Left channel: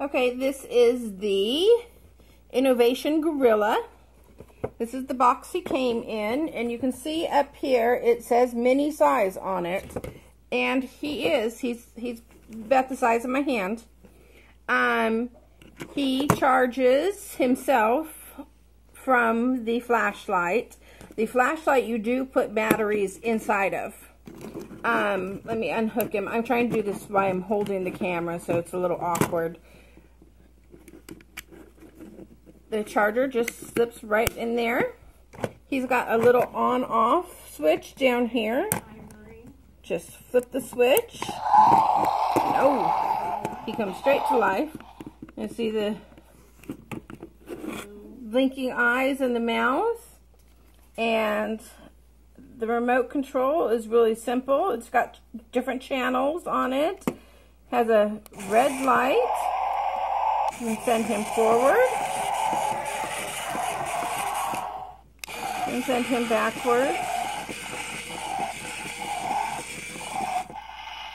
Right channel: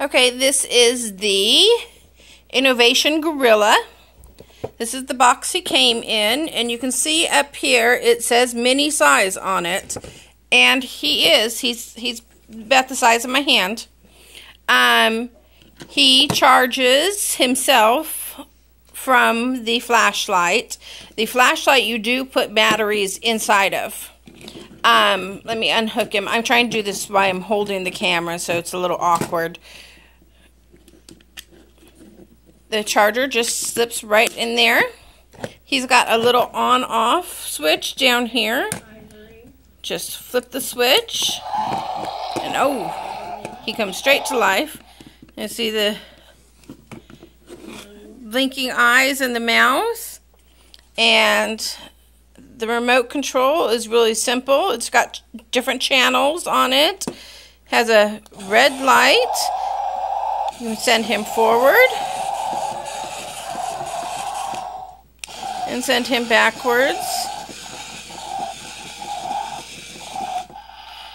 Okay, this is the Innovation Gorilla. This is the box he came in, and you can see up here it says mini size on it. And he's about the size of my hand. He charges himself from the flashlight. The flashlight you do put batteries inside of. Let me unhook him. I'm trying to do this while I'm holding the camera, so it's a little awkward. The charger just slips right in there. He's got a little on-off switch down here. Just flip the switch. And oh, he comes straight to life. You see the blinking eyes and the mouth. And the remote control is really simple. It's got different channels on it. Has a red light. You can send him forward. And send him backwards.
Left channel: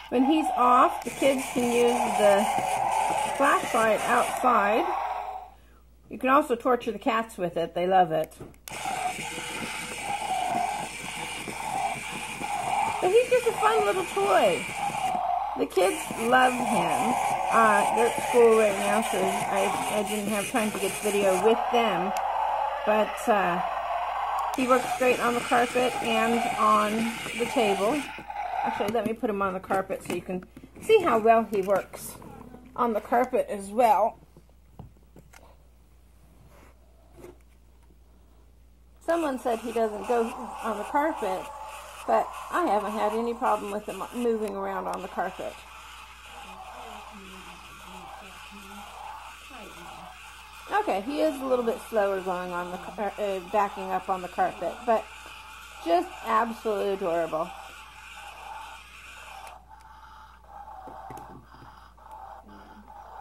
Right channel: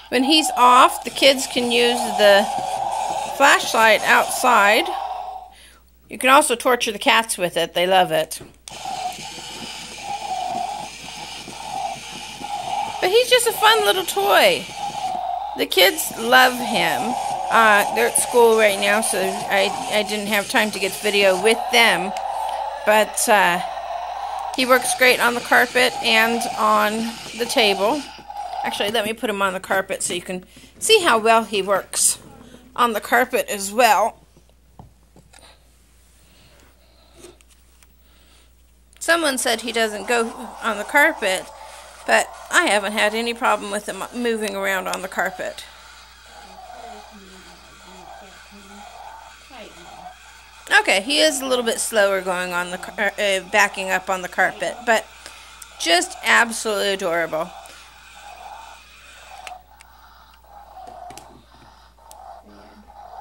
When he's off, the kids can use the flashlight outside. You can also torture the cats with it. They love it. But he's just a fun little toy. The kids love him. They're at school right now, so I didn't have time to get the video with them. But he works great on the carpet and on the table. Actually, let me put him on the carpet so you can see how well he works on the carpet as well. Someone said he doesn't go on the carpet, but I haven't had any problem with him moving around on the carpet. Okay, he is a little bit slower going on the backing up on the carpet, but just absolutely adorable.